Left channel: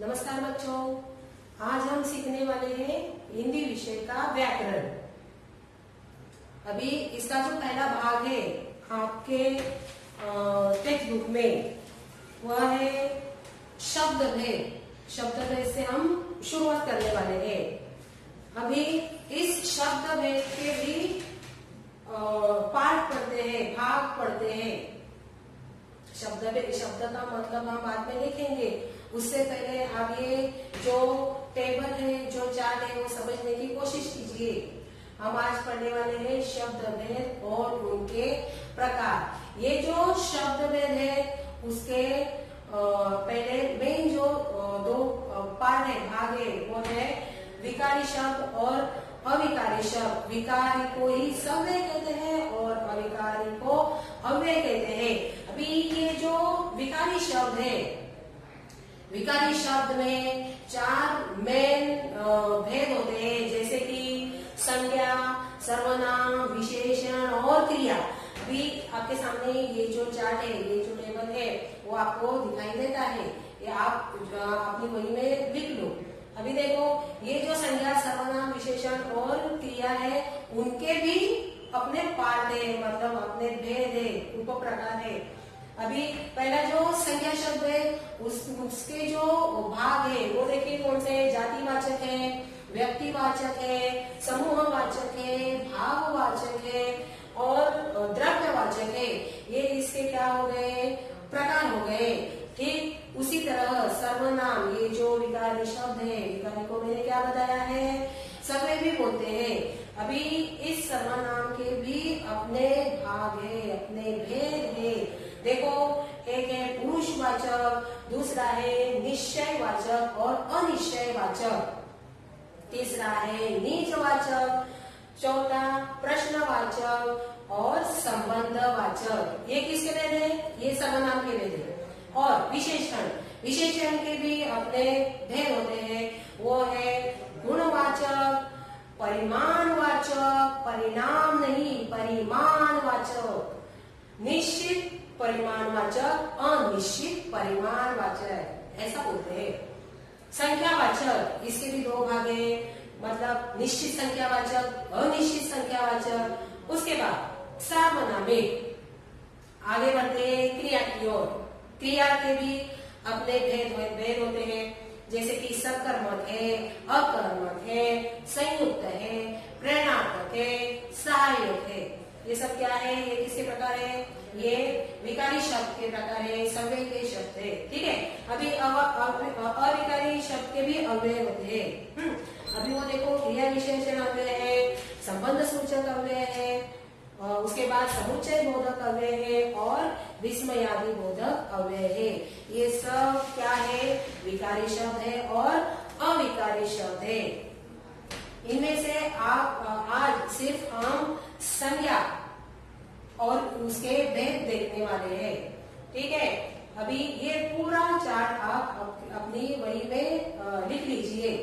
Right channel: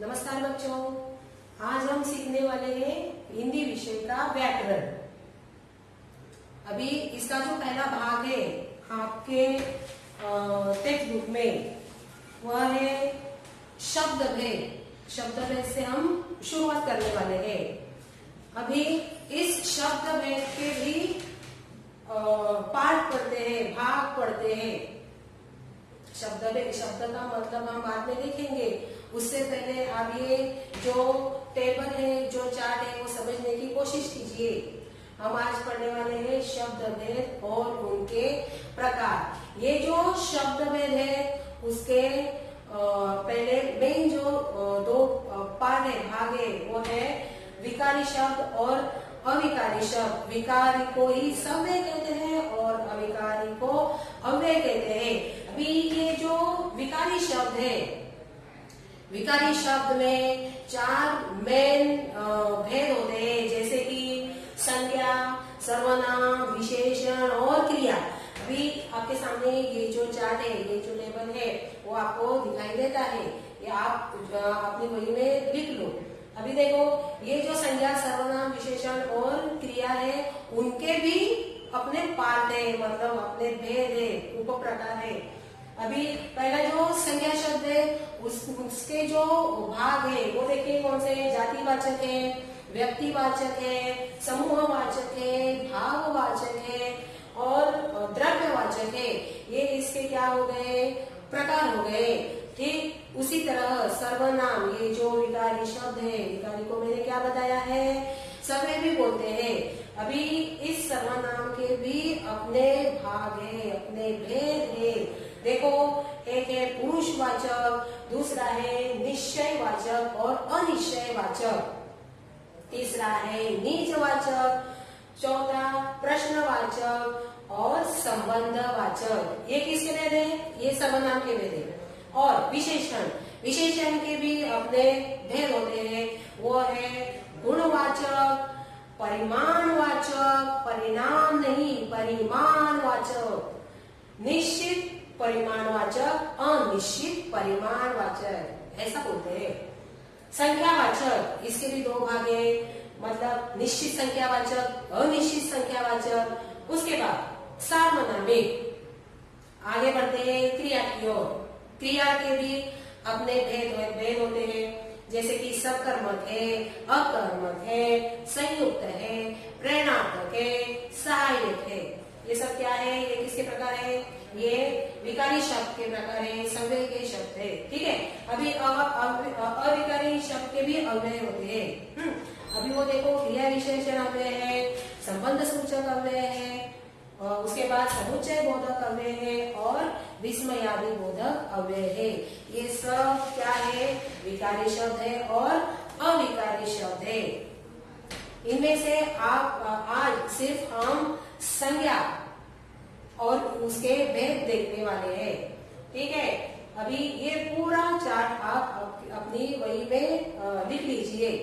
नमस्कार बच्चों, आज हम सीखने वाले हैं हिंदी विषय का व्याकरण। अभी इसका जो पहला भाग है आपके टेक्स्ट बुक में वह है शब्द भेद। शब्द भेद से हम शुरुआत करने वाले हैं। अभी इस शब्द भेद के भी पार्ट पढ़ते हैं, भाग पढ़ते हैं। शब्द का मतलब हम बाद में देखेंगे। उससे पहले आगे जो टेबल है, जो चार्ट है, वो समझने की कोशिश कीजिए। हम आज पढ़ने वाले हैं शब्द भेद और उनके प्रकार। ये जो शब्द भेद है उसके पहले मेन जो दो पार्ट है, भाग है, वो है विकारी शब्द और अविकारी शब्द। विकारी को ही सव्य कहते हैं और अविकारी को अव्यय कहते हैं। अभी ये जो विकारी शब्द है, विकारी शब्द में चार मेन भेद होते हैं, जैसे कि संज्ञा, सर्वनाम, विशेषण और क्रिया। अभी आपके सामने ये जो चार्ट है, ये जो टेबल है, वो आपको दिखाई देता है। ये आप अपनी वही में लिख लो। अभी देखो, ये जो संज्ञा, सर्वनाम, विशेषण और क्रिया है, उनके भी अपने पार्ट है, मतलब अपने भेद है, उप प्रकार है। अभी पहला जो संज्ञा शब्द है, उसके जो भाग है वो देखिए कौन से हैं। जातिवाचक है, व्यक्तिवाचक है, समूहवाचक है, भाववाचक है और द्रव्यवाचक है। ये इसके क्या हो गए, प्रकार हो गए। ठीक उसी तरह सर्वनाम, ये जो विकारी शब्द है, विकारी को मैंने क्या बताया है, सव्य भी बोलते हैं। अभी इस सर्वनाम के भी अपने भाग है, अपने भेद है। देखो, एक है पुरुषवाचक, दूसरा है निश्चयवाचक और अनिश्चयवाचक, तीसरा है निजवाचक, चौथा प्रश्नवाचक और संबंधवाचक। ये किसके भेद है, ये सर्वनाम के भेद है। और विशेषण, विशेषण के भी अपने भेद होते हैं। वो है गुणवाचक, परिमाणवाचक, परिणाम नहीं परिमाणवाचक, निश्चित परिमाणवाचक, अनिश्चित परिमाणवाचक, ऐसा बोलते हैं। संख्यावाचक, इसके भी दो भाग है, मतलब निश्चित संख्यावाचक, अनिश्चित संख्यावाचक। उसके बाद सार्वनामिक। आगे बढ़ते हैं क्रिया की ओर। क्रिया के भी अपने भेद होते हैं, जैसे कि सकर्मक है, अकर्मक है, संयुक्त है, प्रेरणात्मक है, सहायक है। ये सब क्या है, ये किसके प्रकार है, ये विकारी शब्द के प्रकार है, सव्य के शब्द है। ठीक है। अभी अविकारी शब्द के भी अव्यय होते हैं। अभी वो देखो, क्रिया विशेषण अव्यय है, संबंध सूचक अव्यय है, उसके बाद समुच्चय बोधक अव्यय है और विस्मयादि बोधक अव्यय है। ये सब क्या है, विकारी शब्द है और अविकारी शब्द है। इनमें से आप आज सिर्फ हम संज्ञा और उसके भेद देखने वाले हैं। ठीक है। अभी ये पूरा चार्ट आप अपनी वही में लिख लीजिए।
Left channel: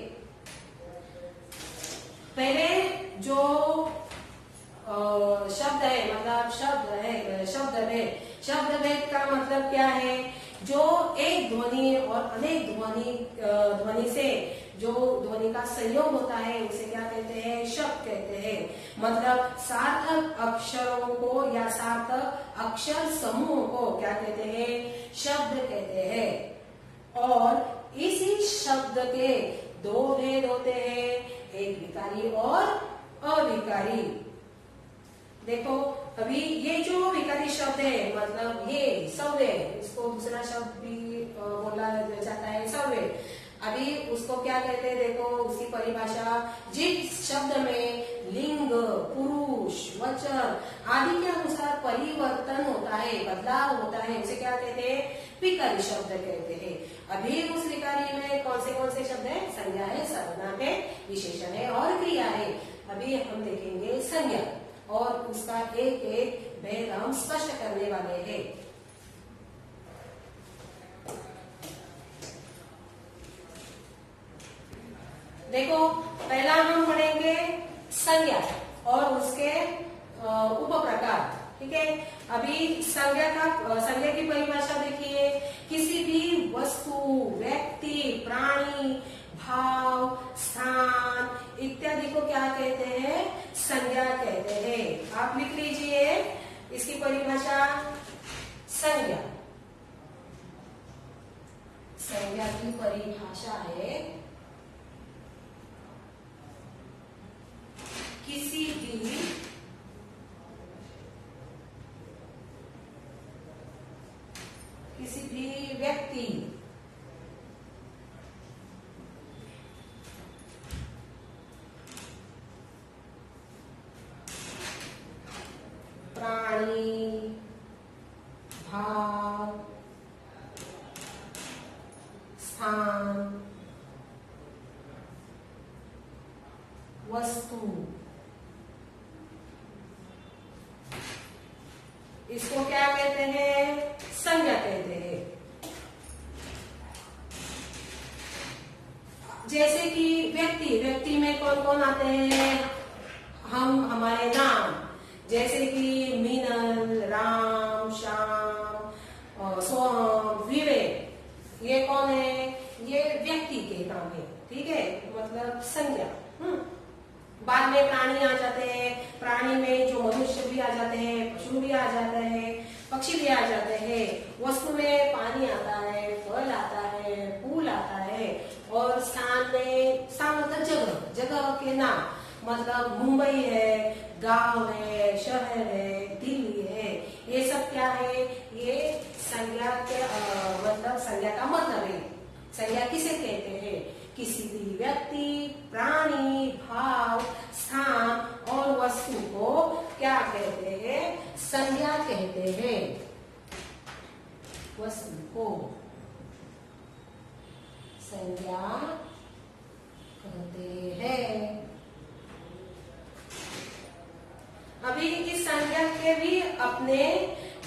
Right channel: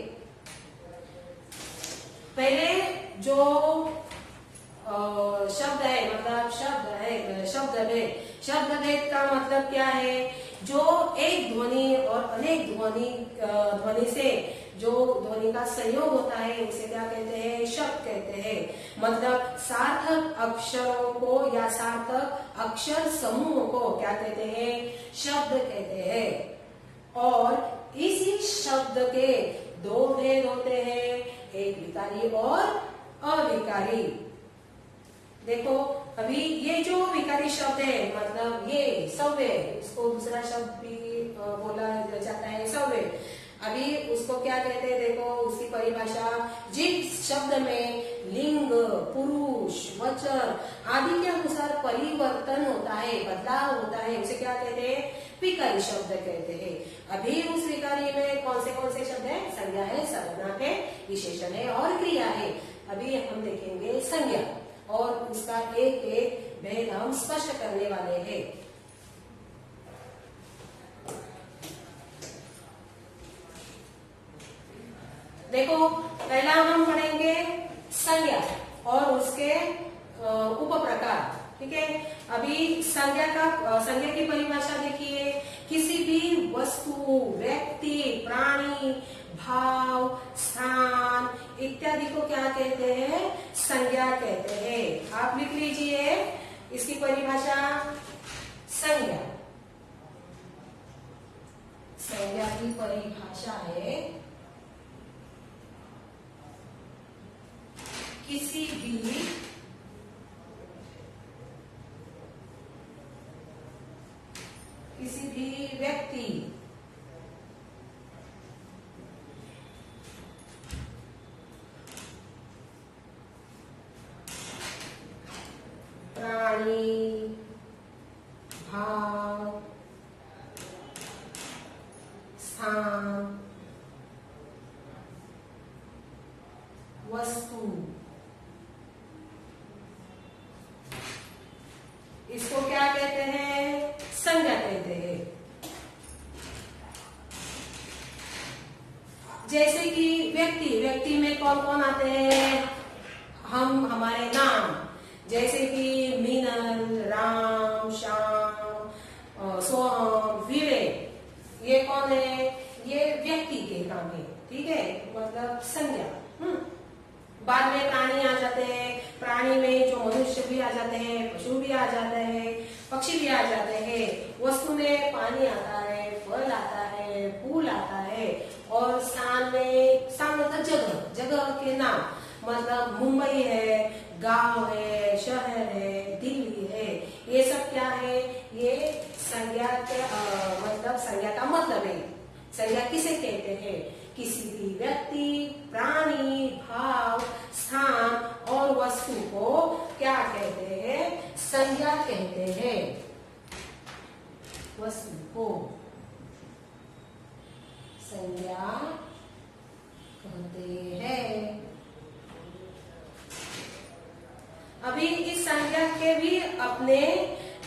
पहले जो शब्द है, मतलब शब्द भेद। शब्द भेद का मतलब क्या है, जो एक ध्वनि और अनेक ध्वनि से जो ध्वनि का संयोग होता है, उसे क्या कहते हैं, शब्द कहते हैं। मतलब सार्थक अक्षरों को या सार्थक अक्षर समूह को क्या कहते हैं, शब्द कहते हैं। और इसी शब्द के दो भेद होते हैं, एक विकारी और अविकारी। देखो, अभी ये जो विकारी शब्द है, मतलब ये सव्य, इसको दूसरा शब्द भी बोला जाता है सव्य। अभी उसको क्या कहते हैं, देखो उसकी परिभाषा, जिस शब्द में लिंग, पुरुष, वचन आदि के अनुसार परिवर्तन होता है, बदलाव होता है, उसे क्या कहते हैं, विकारी शब्द कहते हैं। अभी उस विकारी में कौन से शब्द है, संज्ञा है, सर्वनाम है, विशेषण है और क्रिया है। अभी हम देखेंगे संज्ञा और उसका एक एक भेद हम स्पष्ट करने वाले हैं। देखो, पहला हम पढ़ेंगे संज्ञा और उसके उप प्रकार। ठीक है। अभी संज्ञा की परिभाषा देखिए, किसी भी वस्तु, व्यक्ति, प्राणी, भाव, स्थान इत्यादि को क्या कहते हैं? संज्ञा कहते हैं। आप लिख लीजिए इसकी परिभाषा। संज्ञा, संज्ञा की परिभाषा है किसी भी व्यक्ति, प्राणी, भाव, स्थान, वस्तु, इसको क्या कहते हैं? संज्ञा कहते हैं। जैसे कि व्यक्ति, व्यक्ति में कौन कौन आते हैं? हम, हमारे नाम, जैसे कि मीनन, राम, श्याम, सोहम, विवेक, ये कौन है? ये व्यक्ति के नाम है। ठीक है, मतलब संज्ञा। बाद में प्राणी आ जाते हैं। प्राणी में जो मनुष्य भी आ जाते हैं, पशु भी आ जाते हैं, पक्षी भी आ जाते हैं। वस्तु में पानी आता है, फल आता है, फूल आता है। और स्थान में, स्थान मतलब जगह, जगह के नाम, मतलब मुंबई है, गांव है, शहर है, दिल्ली है, ये सब क्या है? ये संज्ञा के मतलब संज्ञा का मतलब है। संज्ञा किसे कहते हैं? किसी भी व्यक्ति, प्राणी, भाव, स्थान और वस्तु को क्या कहते हैं? संज्ञा कहते हैं। वस्तु को संज्ञा कहते हैं। अभी इस संज्ञा के भी अपने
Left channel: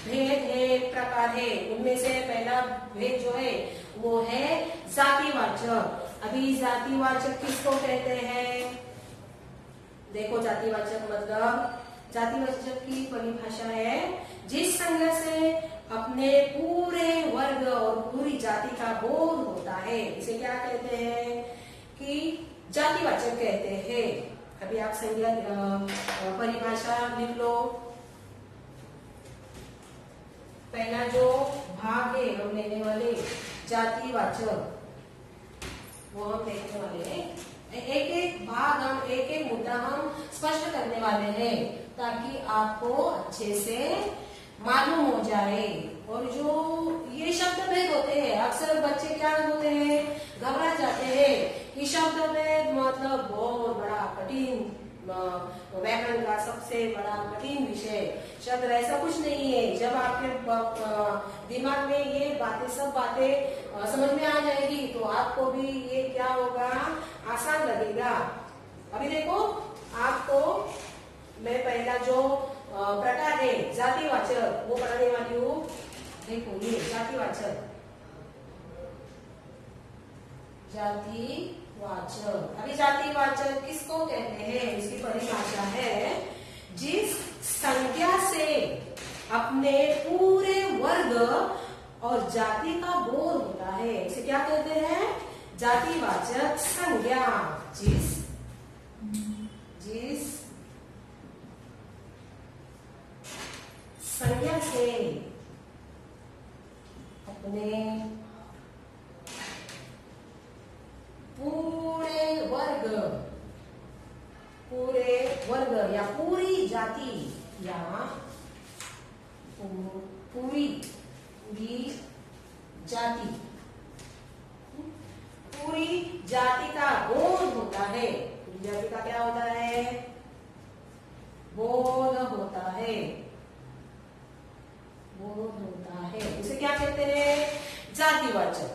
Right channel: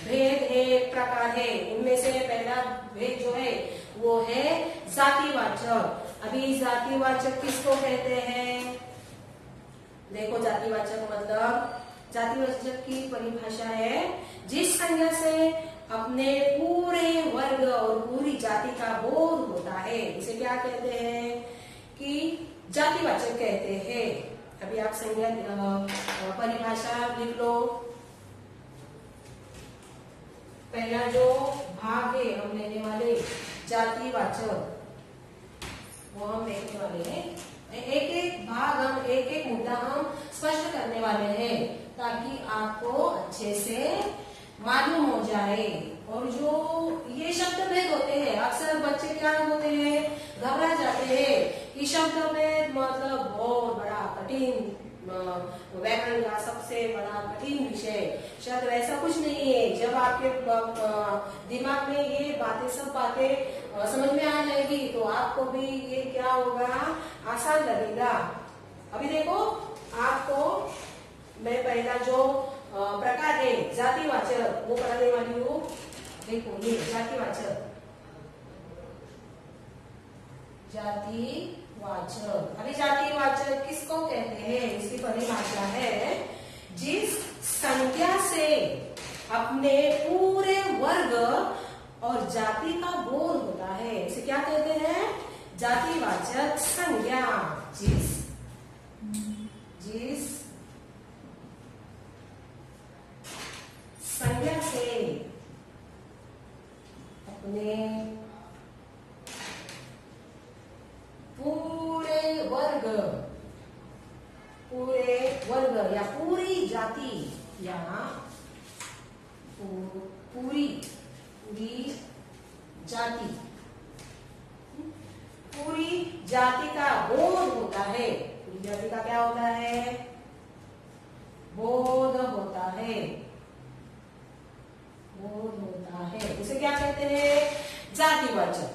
भेद है, प्रकार है। उनमें से पहला भेद जो है वो है जातिवाचक। अभी जातिवाचक किसको कहते हैं? देखो, जातिवाचक मतलब, जातिवाचक की परिभाषा है जिस संज्ञा से अपने पूरे वर्ग और पूरी जाति का बोध होता है, इसे क्या कहते हैं? कि जातिवाचक कहते हैं। अभी आप संज्ञा परिभाषा लिख लो। पहला जो भाग है हम लेने वाले जातिवाचक, वो हम देखने वाले हैं। एक एक भाग हम, एक एक मुद्दा हम स्पष्ट करने वाले हैं ताकि आपको अच्छे से मालूम हो जाए। और जो ये शब्द भेद होते हैं, अक्सर बच्चे क्या होते हैं? घबरा जाते हैं कि शब्द भेद मतलब बहुत बड़ा कठिन, व्याकरण का सबसे बड़ा कठिन विषय। शायद ऐसा कुछ नहीं है। जब आपके दिमाग में ये बातें, सब बातें समझ में आ जाएगी तो आपको भी ये क्या होगा? आसान लगेगा। अभी देखो, आपको मैं पहला जो प्रकार है जातिवाचक वो पढ़ाने वाली हूँ। देखो, ये जातिवाचक, जातिवाचक। अभी जातिवाचक किसको कहते हैं? इसकी परिभाषा है जिस संज्ञा से अपने पूरे वर्ग और जाति का बोध होता है, इसे क्या कहते हैं? जातिवाचक संज्ञा। जिस संज्ञा से अपने पूरे वर्ग या पूरी जाति या पूरी जाति का बोध होता है। पूरी जाति का क्या होता है? बोध होता है। उसे क्या कहते हैं? जातिवाचक।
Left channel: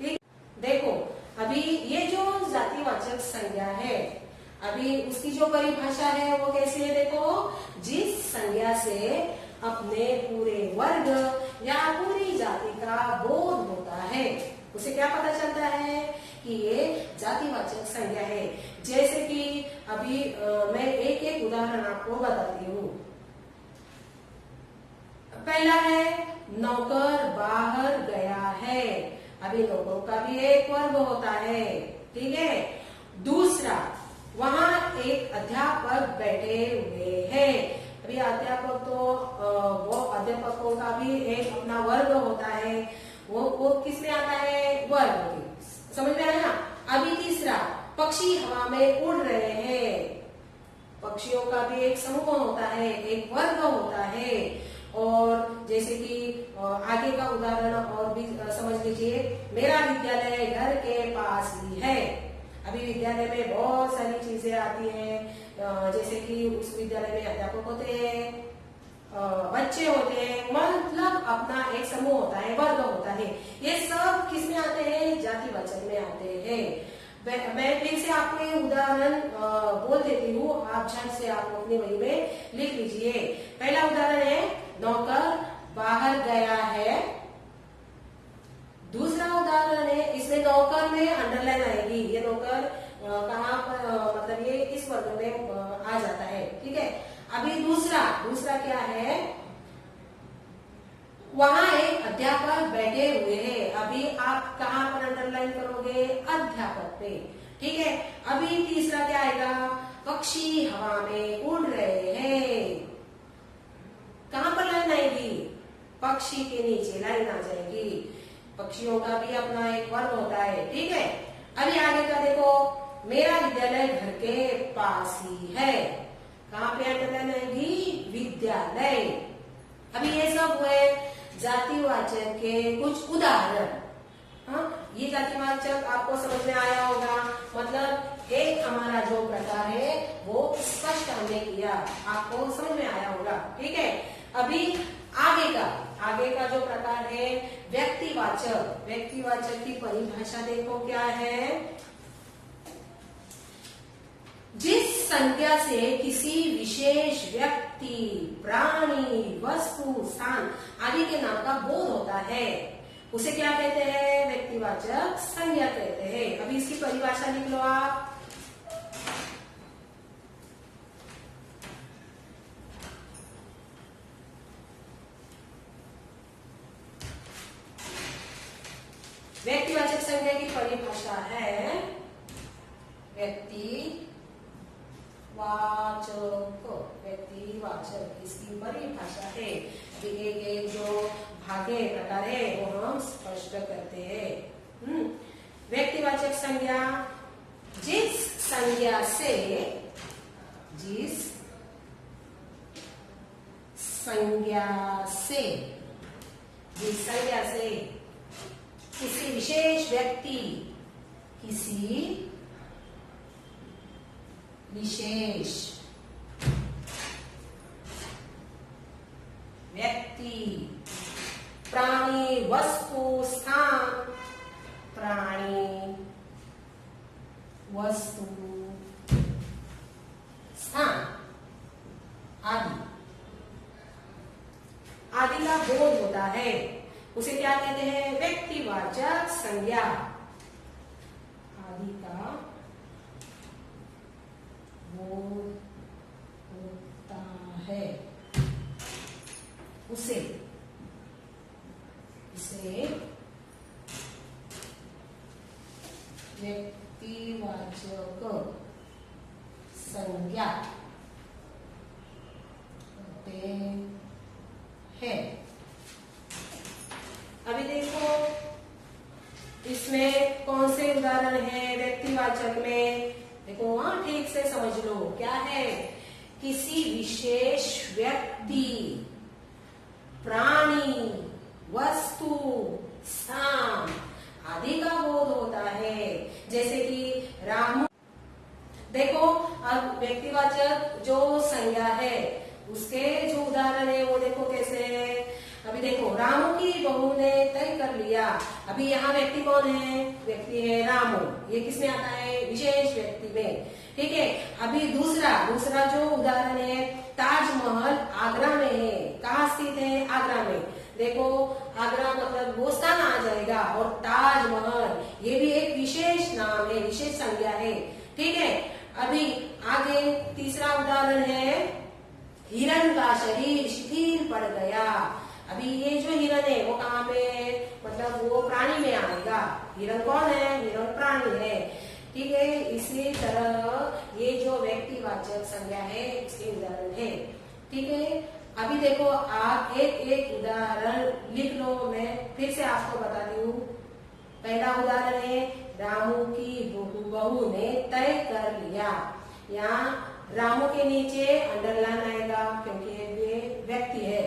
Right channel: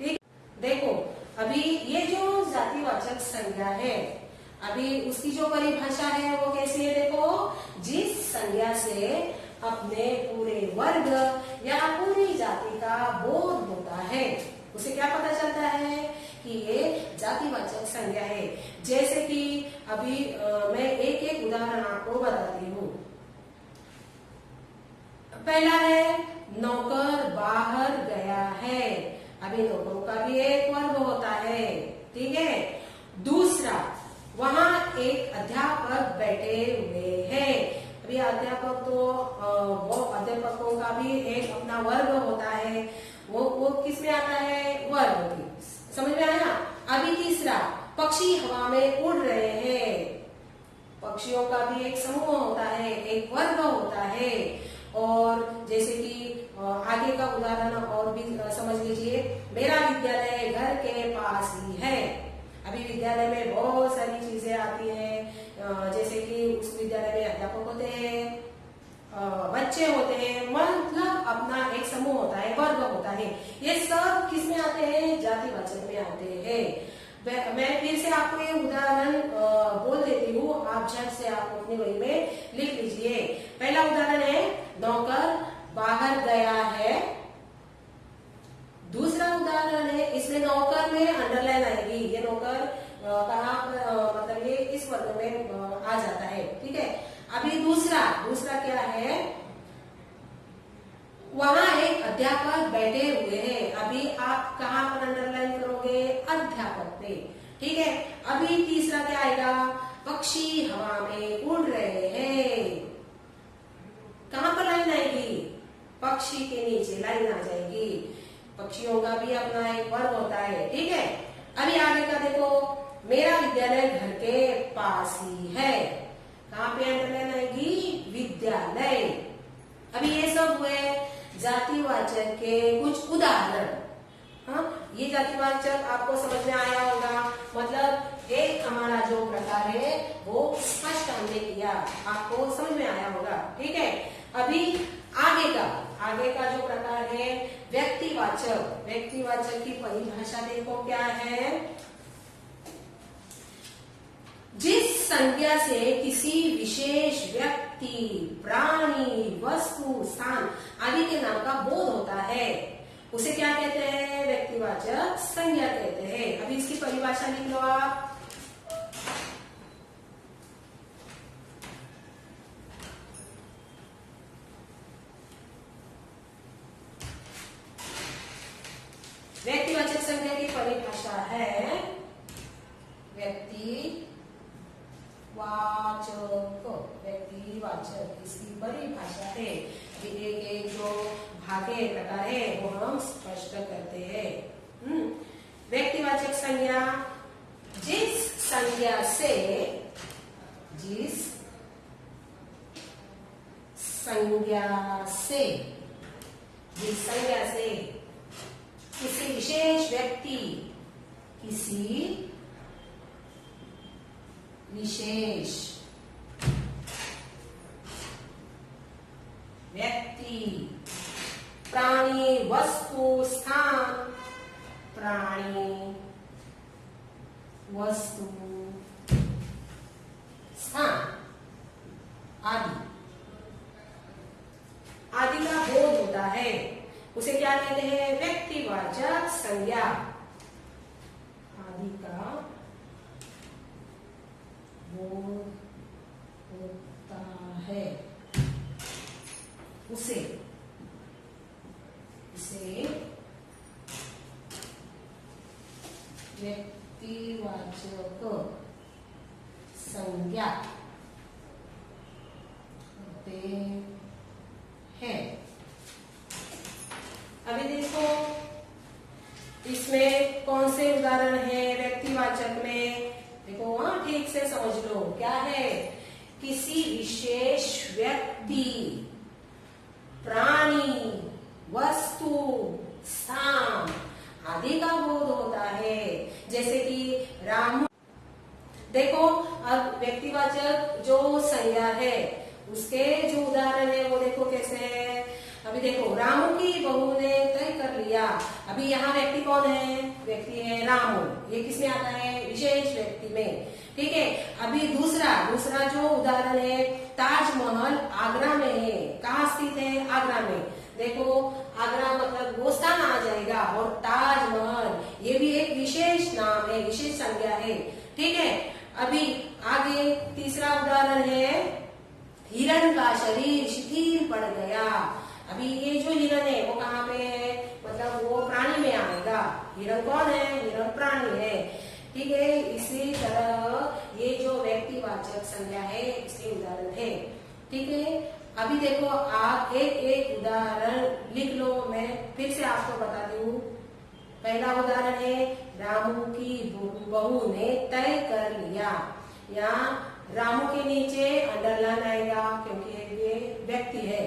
ठीक, देखो अभी ये जो जातिवाचक संज्ञा है, अभी उसकी जो परिभाषा है वो कैसी है? देखो, जिस संज्ञा से अपने पूरे वर्ग या पूरी जाति का बोध होता है, उसे क्या पता चलता है कि ये जातिवाचक संज्ञा है। जैसे कि अभी मैं एक एक उदाहरण आपको बताती हूँ। पहला है नौकर बाहर गया है। अभी नौकर का भी एक वर्ब होता है, ठीक है। दूसरा, वहां एक अध्यापक बैठे हुए हैं। अभी अध्यापक तो वो अध्यापकों का भी एक अपना वर्ग होता है, वो किसमें आता है, वर्ग। समझ में आया। अभी तीसरा, पक्षी हवा में उड़ रहे हैं। पक्षियों का भी एक समूह होता है, एक वर्ग होता है। और जैसे कि आगे का उदाहरण और भी समझ लीजिए, मेरा विद्यालय घर के पास ही है। अभी विद्यालय में बहुत सारी चीजें आती हैं, जैसे कि उस विद्यालय में अध्यापक होते हैं, बच्चे होते हैं, मतलब अपना एक समूह होता है, वर्ग होता है। ये सब किस में आते हैं, जातिवाचक में आते हैं। मैं फिर से आपको एक उदाहरण बोल देती हूँ, आप झट से आप अपने वही में लिख लीजिए। पहला उदाहरण है, नौकर बाहर गया है। दूसरा उदाहरण है, इसमें नौकर में अंडरलाइन आएगी। ये नौकर कहाँ मतलब ये इस वर्ग में आ जाता है, ठीक है। अभी दूसरा क्या है, वहां एक अध्यापक बैठे हुए हैं। अभी आप कहाँ पर अंडरलाइन करोगे, अध्यापक पे, ठीक है। अभी तीसरा क्या आएगा, पक्षी हवा में उड़ रहे हैं। कहाँ पर लाइन आएगी, पक्षी के नीचे लाइन आ जाएगी। पक्षियों का भी अपना एक वर्ग होता है, ठीक है। अभी आगे का देखो, मेरा विद्यालय घर के पास ही है। कहाँ पे अंडरलाइन आएगी, विद्यालय। अभी ये सब हुए जातिवाचक के कुछ उदाहरण। हाँ, ये जातिवाचक आपको समझ में आया होगा। मतलब एक हमारा जो प्रकार है वो स्पष्ट हमने किया, आपको समझ में आया होगा, ठीक है। अभी आगे का जो प्रकार है व्यक्तिवाचक की परिभाषा देखो क्या है। जिस संज्ञा से किसी विशेष व्यक्ति, प्राणी, वस्तु, स्थान आदि के नाम का बोध होता है, उसे क्या कहते हैं, व्यक्तिवाचक संज्ञा कहते हैं। अभी इसकी परिभाषा लिख लो आप। व्यक्तिवाचक संज्ञा की परिभाषा है, व्यक्तिवाचक इसकी परिभाषा है। एक जो भागे प्रकार है वो हम स्पष्ट करते हैं। व्यक्तिवाचक संज्ञा जिस संज्ञा से किसी विशेष व्यक्ति, प्राणी, वस्तु, स्थान, आदि का बोध होता है, उसे क्या कहते हैं, व्यक्तिवाचक संज्ञा। आदि का बोध होता है, इसे व्यक्तिवाचक संज्ञा कहते हैं। अभी देखो इसमें कौन से उदाहरण है व्यक्तिवाचक में, देखो वहां ठीक से समझ लो क्या है, किसी विशेष व्यक्ति, प्राणी, वस्तु, स्थान आदि का बोध होता है। जैसे कि रामू, देखो अब व्यक्तिवाचक जो संज्ञा है उसके जो उदाहरण है वो देखो कैसे है। अभी देखो, रामू की बहू ने तय कर लिया। अभी यहाँ व्यक्ति कौन है, व्यक्ति है रामू, ये किसमें आता है, विशेष व्यक्ति में, ठीक है। अभी दूसरा जो उदाहरण है, ताजमहल आगरा में है। कहाँ स्थित है, आगरा में। देखो आगरा मतलब वो स्थान आ जाएगा, और ताजमहल ये भी एक विशेष नाम है, विशेष संज्ञा है, ठीक है। अभी आगे तीसरा उदाहरण है, हिरण का शरीर शिथिल पड़ गया। अभी ये जो हिरण है वो कहाँ पे है, मतलब वो प्राणी में आएगा। हिरण कौन है, हिरण प्राणी है, ठीक है। इसी तरह ये जो व्यक्तिवाचक संज्ञा है इसके उदाहरण है, ठीक है। अभी देखो आप एक एक उदाहरण लिख लो, मैं फिर से आपको बताती हूँ। पहला उदाहरण है रामू की बहू ने तय कर लिया। यहाँ रामू के नीचे अंडरलाइन आएगा क्योंकि ये व्यक्ति है।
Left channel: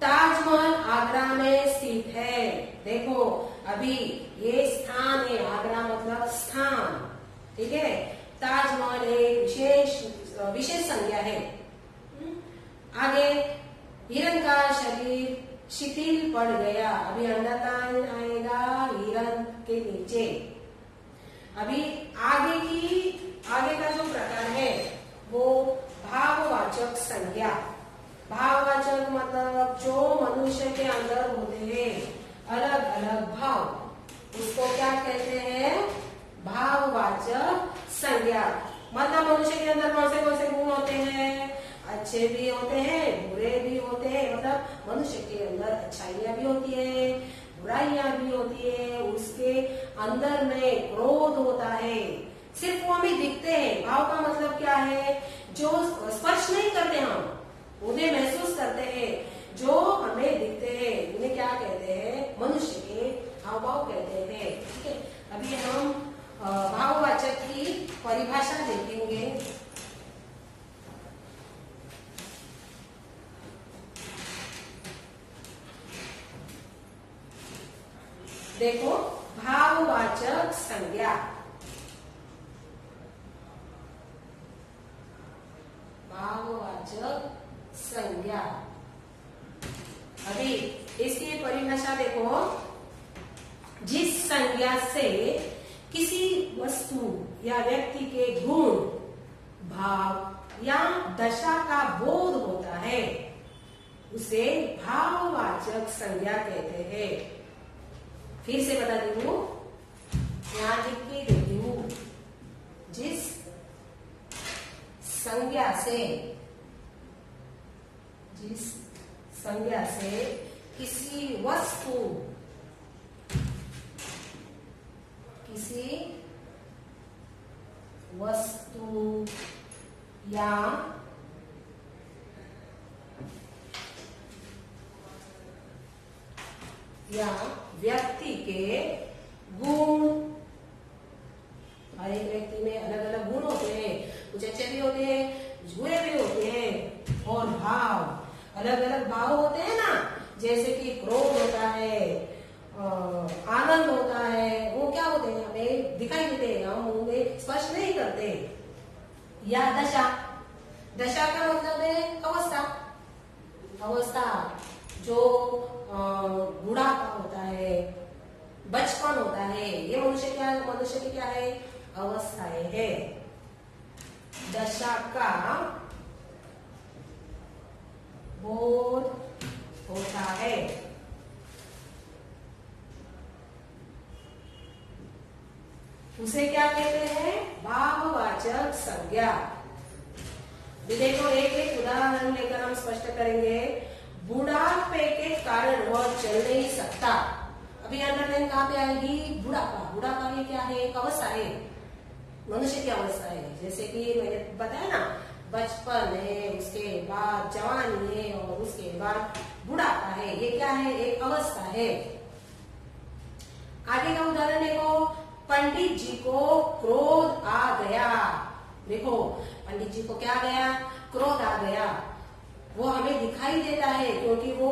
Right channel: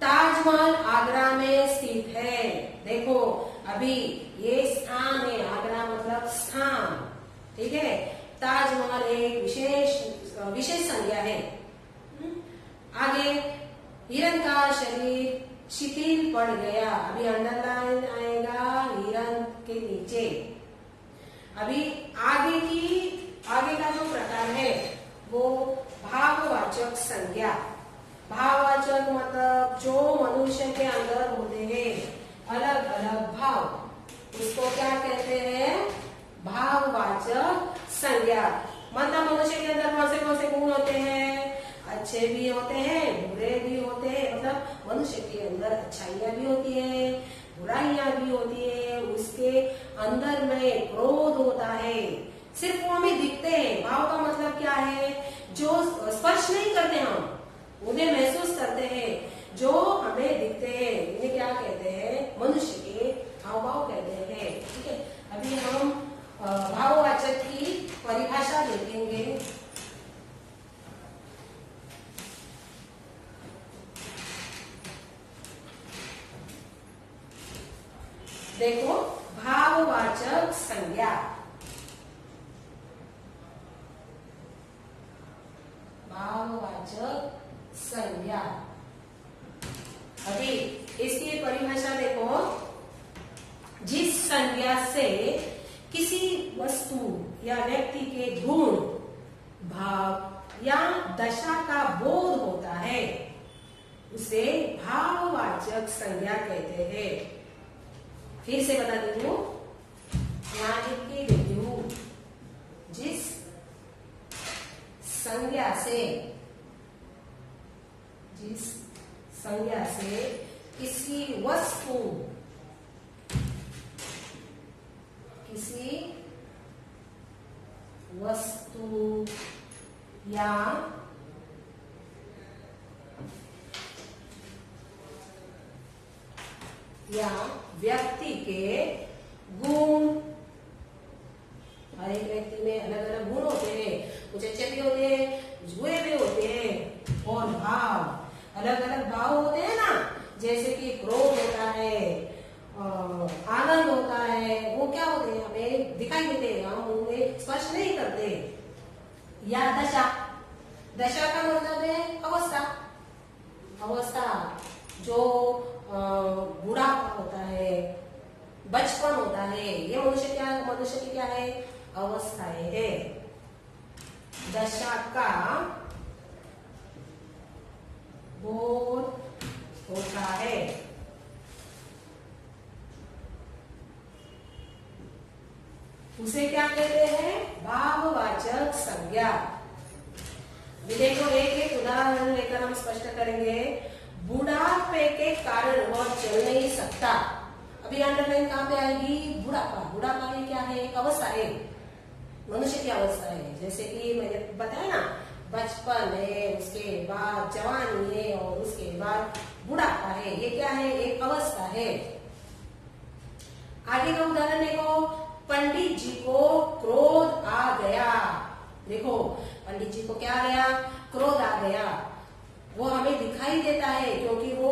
ताजमहल आगरा में स्थित है। देखो अभी ये स्थान है, आगरा मतलब स्थान, ठीक है। ताजमहल एक विशेष संज्ञा है। आगे हिरण का शरीर शिथिल पड़ गया। अभी अंडरलाइन आएगा हिरण के नीचे। अभी आगे का जो प्रकार है वो भाववाचक संज्ञा। भाववाचक मतलब जो मनुष्य के अंदर होते हैं अलग अलग भाव, उसको क्या कहते हैं, भाववाचक संज्ञा। मतलब मनुष्य के अंदर कौन से गुण होते हैं, अच्छे भी होते हैं बुरे भी होते हैं। मतलब मनुष्य के अंदर अच्छाइयां भी होती है, बुराइयां भी होती है। उसके अंदर में क्रोध होता है, सिर्फ वो हमें दिखते हैं। भाव का मतलब क्या है, जो स्पर्श नहीं करते हम उन्हें महसूस करते हैं, जो हमें दिखते हैं इन्हें क्या कहते हैं, मनुष्य के हाव भाव कहते हैं, ठीक है। अभी हम भाववाचक की परिभाषा देखेंगे। देखो भाववाचक संज्ञा, भाववाचक संज्ञा। अभी इसकी परिभाषा देखो, जिस संज्ञा से किसी वस्तु या व्यक्ति के गुण, भाव या दशा का बोध होता है उसे भाववाचक संज्ञा कहते हैं। फिर से बता देती हूँ, यहाँ लिख के देती हूँ, जिस संज्ञा से किसी वस्तु या व्यक्ति के गुण, हर एक व्यक्ति में अलग अलग गुण होते हैं, कुछ अच्छे भी होते हैं कुछ बुरे भी होते हैं। और भाव, अलग अलग भाव होते हैं ना, जैसे कि क्रोध होता है, आनंद होता है, वो क्या होते हैं, हमें दिखाई देते हैं, हम उन्हें स्पर्श नहीं करते। या दशा का मतलब है अवस्था, जो बुढ़ापा होता है, बचपन होता है, ये मनुष्य की क्या है, अवस्थाएं है। दशा का बोध होता है। उसे क्या कहते हैं, भाववाचक संज्ञा। देखो एक एक उदाहरण लेकर हम स्पष्ट करेंगे। बुढ़ापे के कारण वह चल नहीं सकता। अभी अंडरलाइन कहाँ पे आएगी, बुढ़ापा ये क्या है, एक अवस्था है, मनुष्य की अवस्था है। जैसे कि मैंने बताया ना, बचपन है, उसके बाद जवानी है और उसके बाद बुढ़ापा है। ये क्या है, एक अवस्था है। आगे का उदाहरण देखो, पंडित जी को क्रोध आ गया। देखो पंडित जी को क्या आ गया, क्रोध आ गया। वो हमें दिखाई देता है क्योंकि वो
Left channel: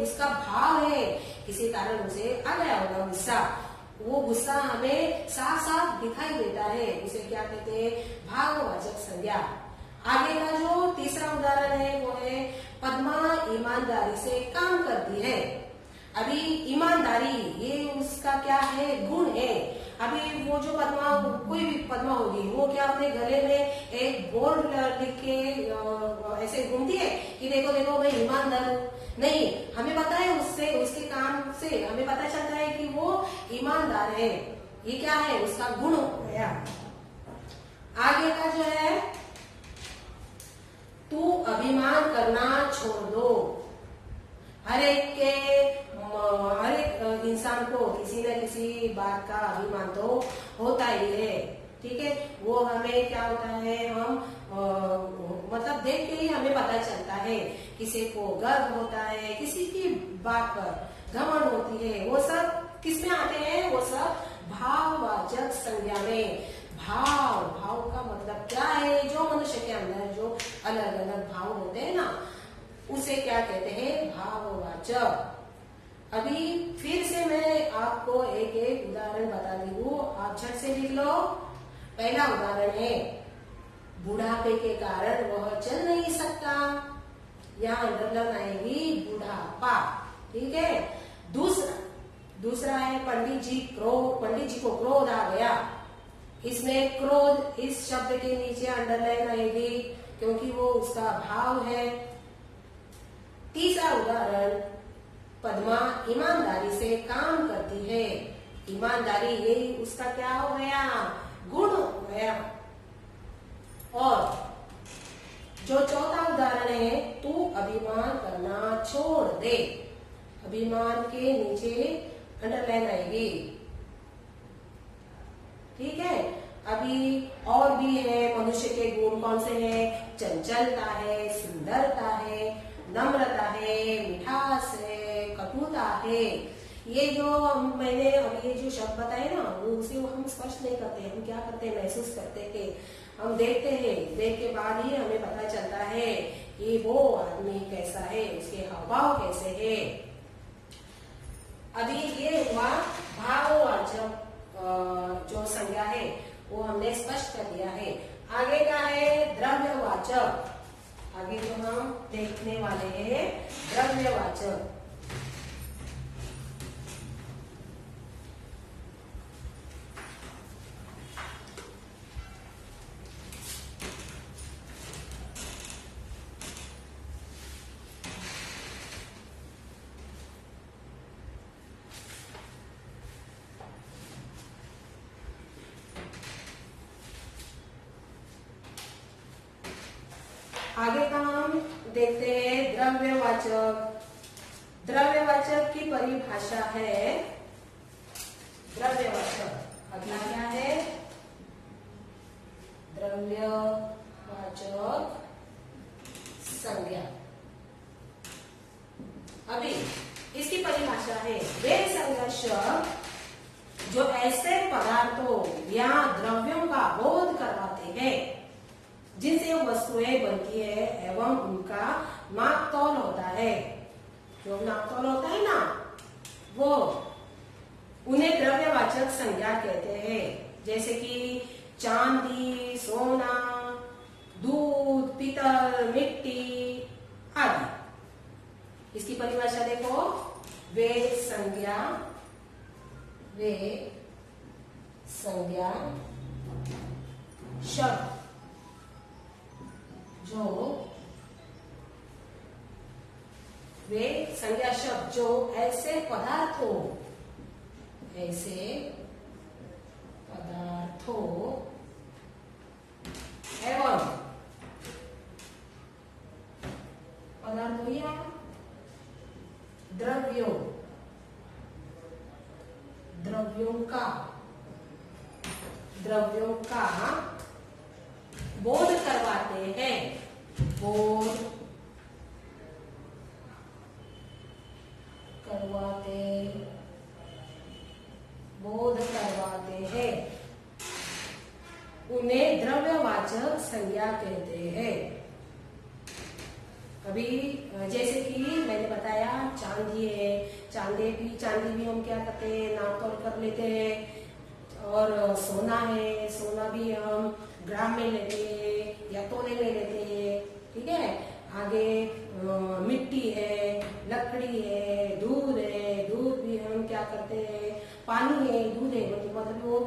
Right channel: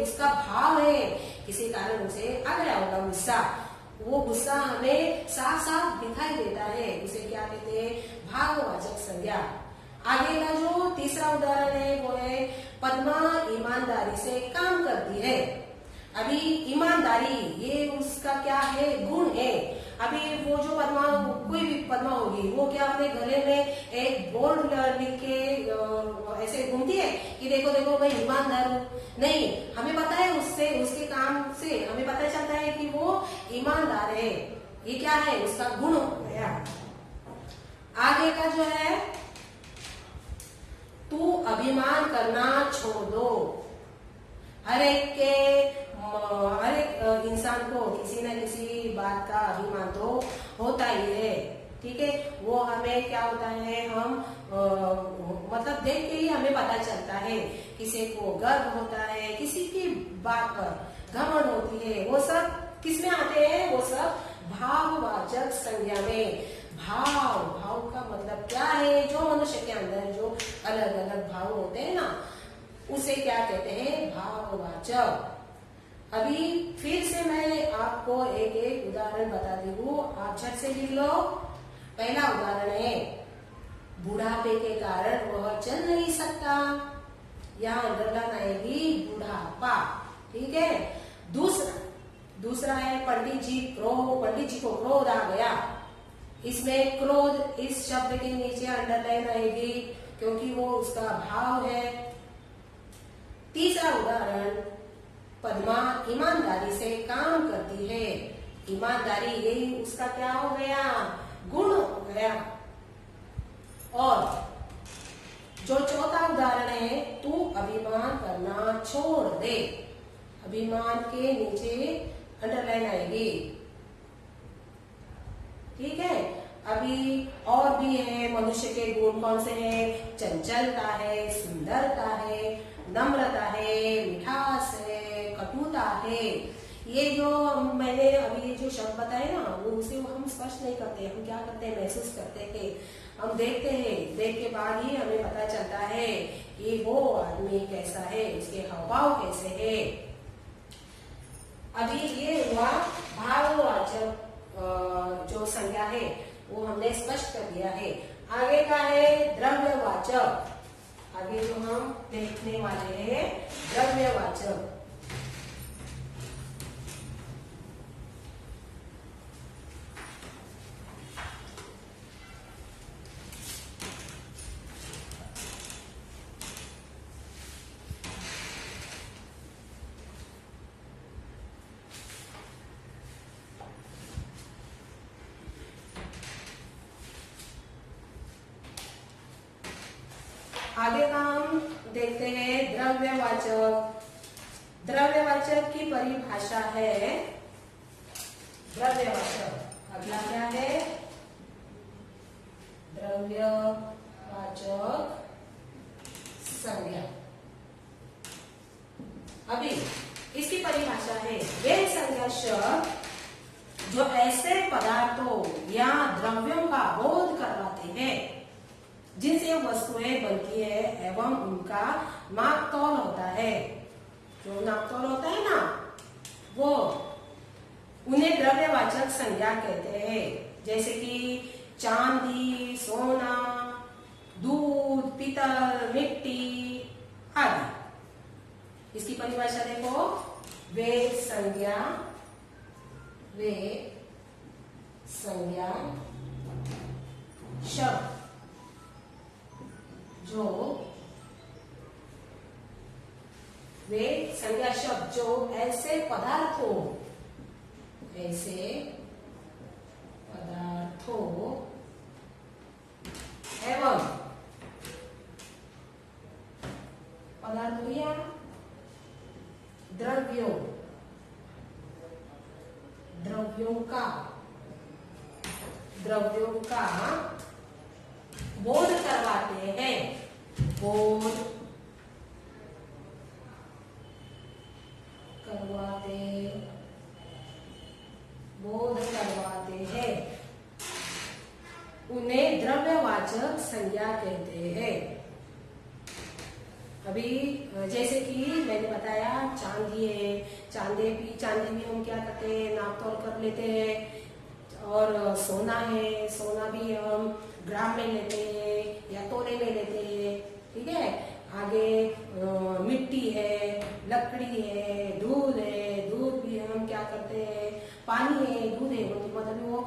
उसका भाव है, किसी कारण उसे आ गया होगा गुस्सा। वो गुस्सा हमें साफ साफ दिखाई देता है, उसे क्या कहते हैं, भाववाचक संज्ञा। आगे का जो तीसरा उदाहरण है वो है, पद्मा ईमानदारी से काम करती है। अभी ईमानदारी ये उसका क्या है, गुण है। अभी वो जो पद्मा, कोई भी पद्मा होगी, वो क्या अपने गले में एक बोर्ड लिख के ऐसे घूमती है कि देखो देखो मैं ईमानदार हूँ? नहीं, हमें पता है उसके काम से हमें पता चलता है कि वो ईमानदार है। ये क्या है, उसका गुण हो गया। आगे का जो है तू अभिमान करना छोड़ दो। हर एक इंसान को किसी न किसी बात का अभिमान तो होता ही है, ठीक है। वो हमें क्या होता है, हम मतलब देख के ही हमें पता चलता है। किसी को गर्व होता है, किसी की बात पर घमंड होती है। वो सब किसमें आते हैं? वो सब भाववाचक संज्ञा में। भाव का मतलब क्या है? जो मनुष्य के अंदर जो अलग अलग भाव होते हैं ना, उसे क्या कहते हैं? भाववाचक। अभी फिर से मैं आपको एक एक उदाहरण बता दी हूँ, आप झट से लिख लो। पहला उदाहरण है, बुढ़ापे के कारण वह चल नहीं सकता। यहाँ अंडरलाइन आएगी बुढ़ापा, ठीक है। दूसरा है पंडित जी को क्रोध आ गया। इसमें क्रोध इस शब्द के नीचे अंडरलाइन आएगी क्योंकि वो उसका भाव है। तीसरा उदाहरण, पद्मा ईमानदारी से काम करती है। ईमानदारी यही उसका क्या हो गया? गुण हो गया। और जो चौथा उदाहरण है, तू अभिमान करना छोड़ दे। अभिमान के नीचे अंडरलाइन आएगी, ठीक है। अभी और भी है, मनुष्य के गुण कौन से हैं? चंचलता है, सुंदरता है, नम्रता है, मिठास है, कटुता है। ये जो मैंने अभी ये जो शब्द बताए ना, वो उसे हम स्पष्ट नहीं करते। हम क्या करते हैं? महसूस करते थे, हम देखते हैं। देख के बाद ही हमें पता चलता है कि वो आदमी कैसा है, उसके हावभाव कैसे है। अभी ये हुआ भाववाचक जो संज्ञा है, वो हमने स्पष्ट कर दिया है। आगे का है द्रव्यवाचक। आगे जो हम देखने वाले हैं द्रव्यवाचक। आगे का हम देखते हैं द्रव्यवाचक। द्रव्यवाचक की परिभाषा है, द्रव्यवाचक अगला क्या है? द्रव्यवाचक संज्ञा। अभी इसकी परिभाषा है, वे संज्ञा शब्द जो ऐसे पदार्थों या द्रव्यों का बोध करवाते हैं जिनसे वस्तुएं बनती है एवं उनका नापतोल होता है। जो नापतोल होता है ना, वो उन्हें द्रव्यवाचक संज्ञा कहते हैं। जैसे कि चांदी, सोना, दूध, पीतल, मिट्टी आदि। इसकी परिभाषा देखो, वे संज्ञा शब्द जो वे संज्ञा शब्द जो ऐसे पदार्थों एवं पदार्थों या द्रव्यों का बोध करवाते हैं। बोध करवाते हैं, उन्हें द्रव्यवाचक संज्ञा कहते हैं। अभी जैसे कि मैंने बताया, चांदी है, चांदी भी हम क्या करते हैं? नापतोल कर लेते हैं। और सोना है, सोना भी हम ग्राम में लेते हैं या तोले में लेते हैं, ठीक है। आगे मिट्टी है, लकड़ी है, दूध है, दूध भी हम क्या करते हैं? पानी है, दूध है, मतलब वो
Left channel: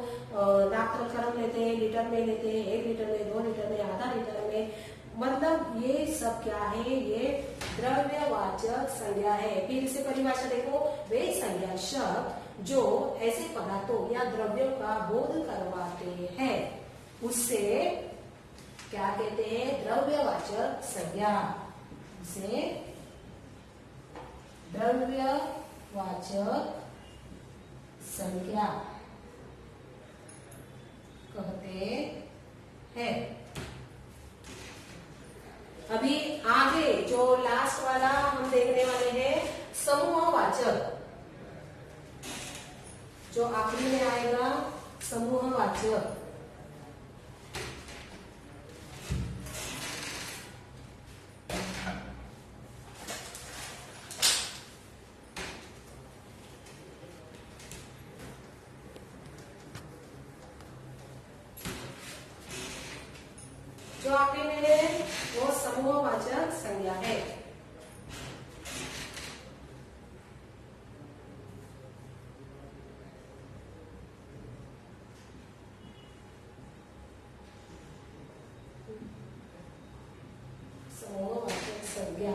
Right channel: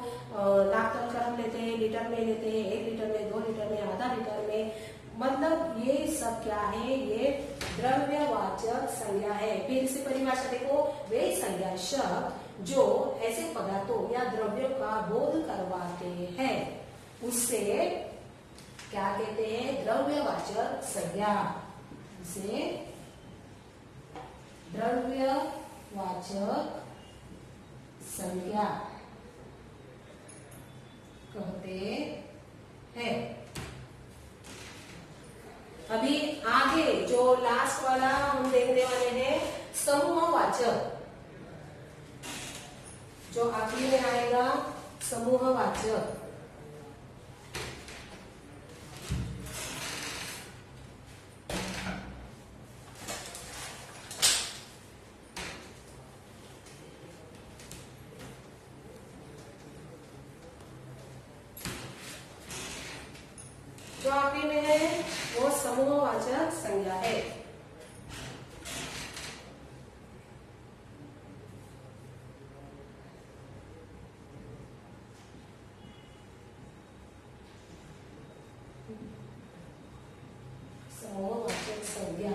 नापतोल कर लेते हैं, लीटर में लेते हैं, 1 लीटर में, 2 लीटर में, आधा लीटर में। मतलब ये सब क्या है? ये द्रव्यवाचक संज्ञा है। फिर इसे परिभाषा देखो, वे संज्ञा शब्द जो ऐसे पदार्थों या द्रव्यों का बोध करवाते हैं, उससे क्या कहते हैं? द्रव्यवाचक संज्ञा। इसे द्रव्यवाचक संज्ञा कहते हैं। अभी आगे जो लास्ट वाला हम देखने वाले हैं समूहवाचक। जो आखिरी में आएगा समूहवाचक। जो आखिरी में है वो समूहवाचक संज्ञा है। समूहवाचक संज्ञा।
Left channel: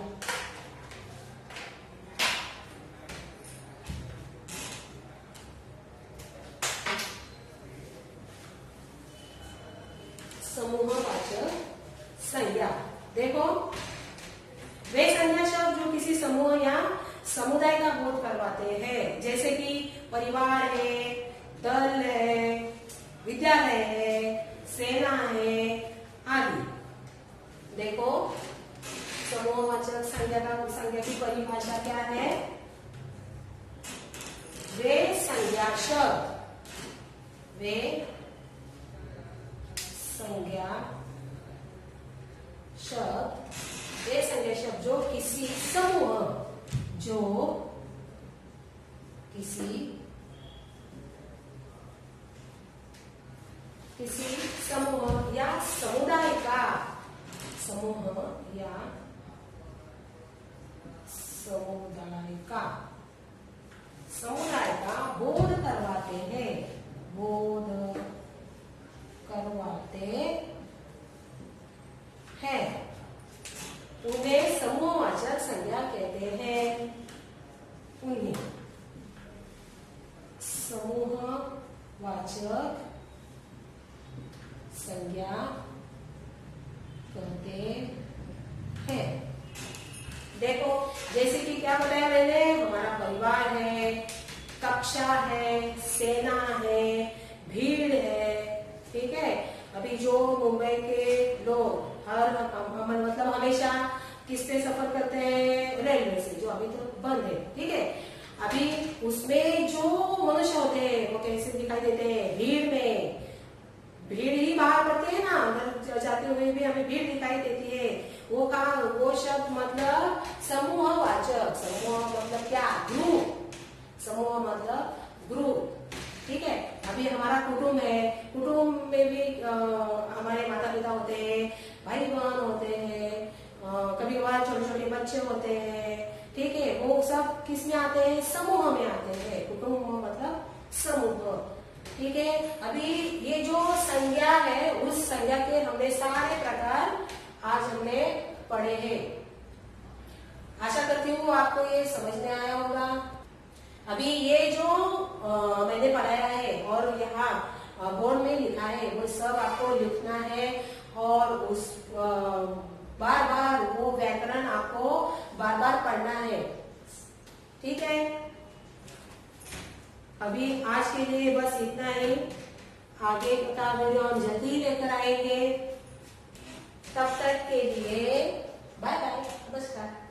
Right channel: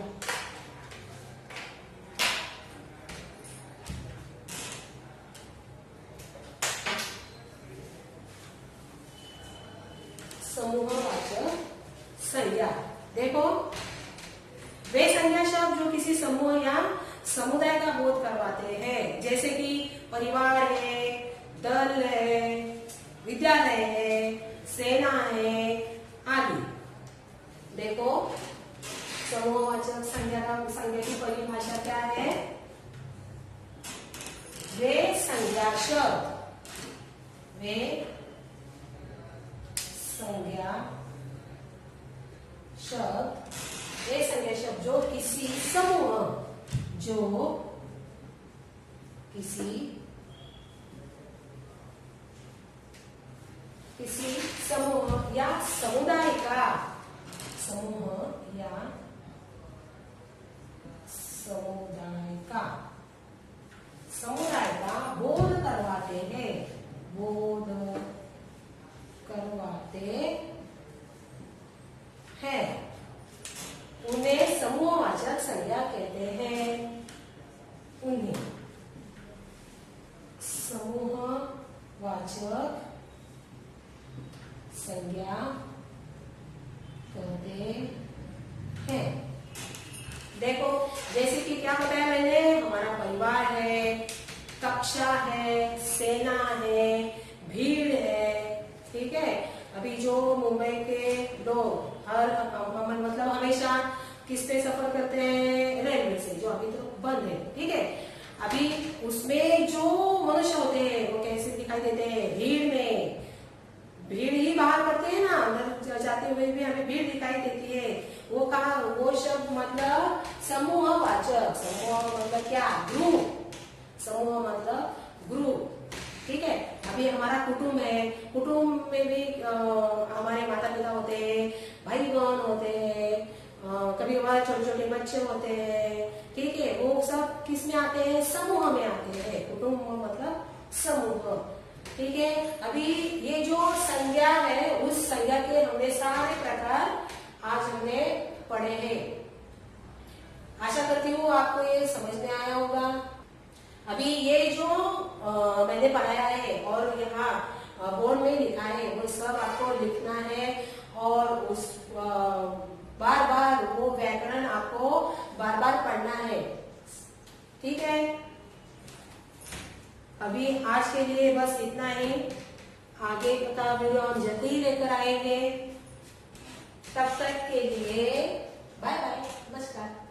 समूहवाचक संज्ञा। देखो, वे संज्ञा शब्द जो किसी समूह या समुदाय का बोध करवाते हैं, जैसे कि परिवार है, दल है, विद्यालय है, सेना है आदि। देखो, समूहवाचक संज्ञा की परिभाषा क्या है? वे संज्ञा शब्द जो किसी समूह या समुदाय का बोध करवाते हैं, उन्हें समूहवाचक संज्ञा कहते हैं। उन्हें समूहवाचक संज्ञा कहते हैं। देखो, जैसे कि क्या बताया मैंने, हमारा परिवार है, कक्षा है, सेना है, भीड़ है। ठीक है। अभी जो मुंबई के लोग मतलब हमेशा किस पे सफर करते हैं? रेलवे से, जो अभी तो बंद है। ठीक है। अभी उसमें जो मनुष्य होते हैं वो कैसे दिखाई देते हैं? भीड़ ही बाहर पड़ते हैं ना, अंदर जाते हुए भी हमें भीड़ दिखाई देती है। वो शब्द मतलब समूहवाचक। समूह मतलब क्या? ग्रुप। समूह मतलब ग्रुप। ठीक है। अभी हमारा कुटुंब है, कुटुंब में भी हमारे माता पिता होते हैं, भाई बहन होते हैं, कभी हमारे छोटे छोटे बच्चे होते हैं। ठीक है। वो सब किस में आते हैं? समूह में आते हैं। कुटुंब मतलब समूह। ठीक है। अभी ये जो संज्ञा है, उस संज्ञा के हमने सारे प्रकार आज हमने पढ़े हैं। आशा करती हूँ आपको ये समझ में आया होगा। अभी ये जो मैंने पढ़ाया है और यहाँ बोर्ड में लिखा है, वो सब आपको लिखना है और उस बार बार वो व्याकरण आपको बार बार पढ़ना है। ठीक है। अभी आज के लिए बस इतना ही। आगे का वीडियो हम जल्दी लेकर आएंगे। तब तक के लिए बाय बाय, नमस्कार।